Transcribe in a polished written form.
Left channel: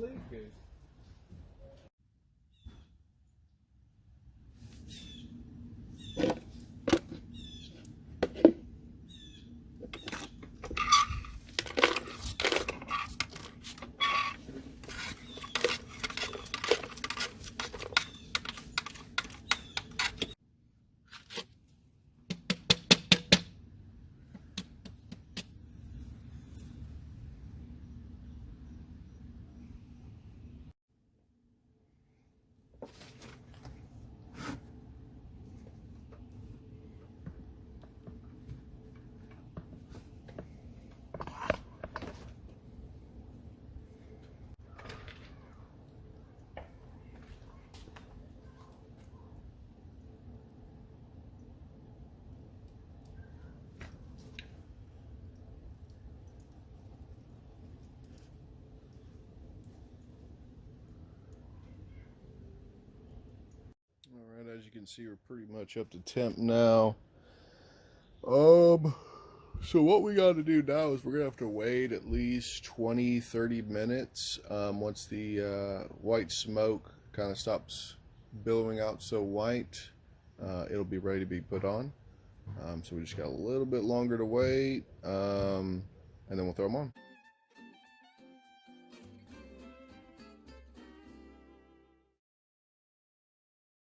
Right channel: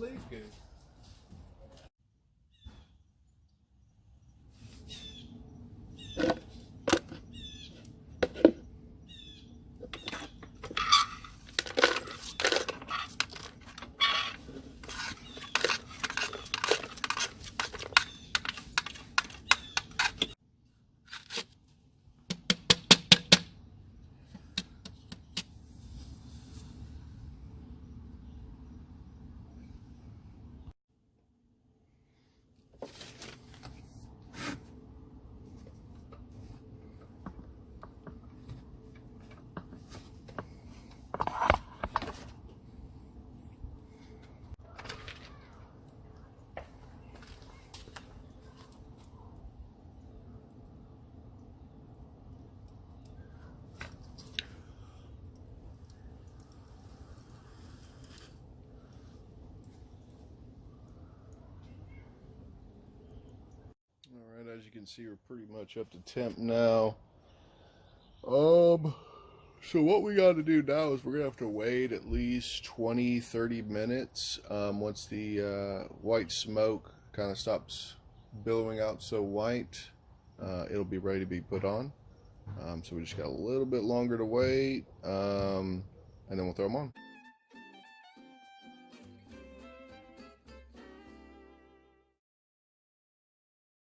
sleep good. All right, as you can see, we're pretty much up to temp now. So what we got to do now is we're gonna have to wait at least 20-30 minutes. Once the white smoke kind of stops billowing out so white, it'll be ready to be put on. So we just got a little bit longer to wait, and then we'll throw them on.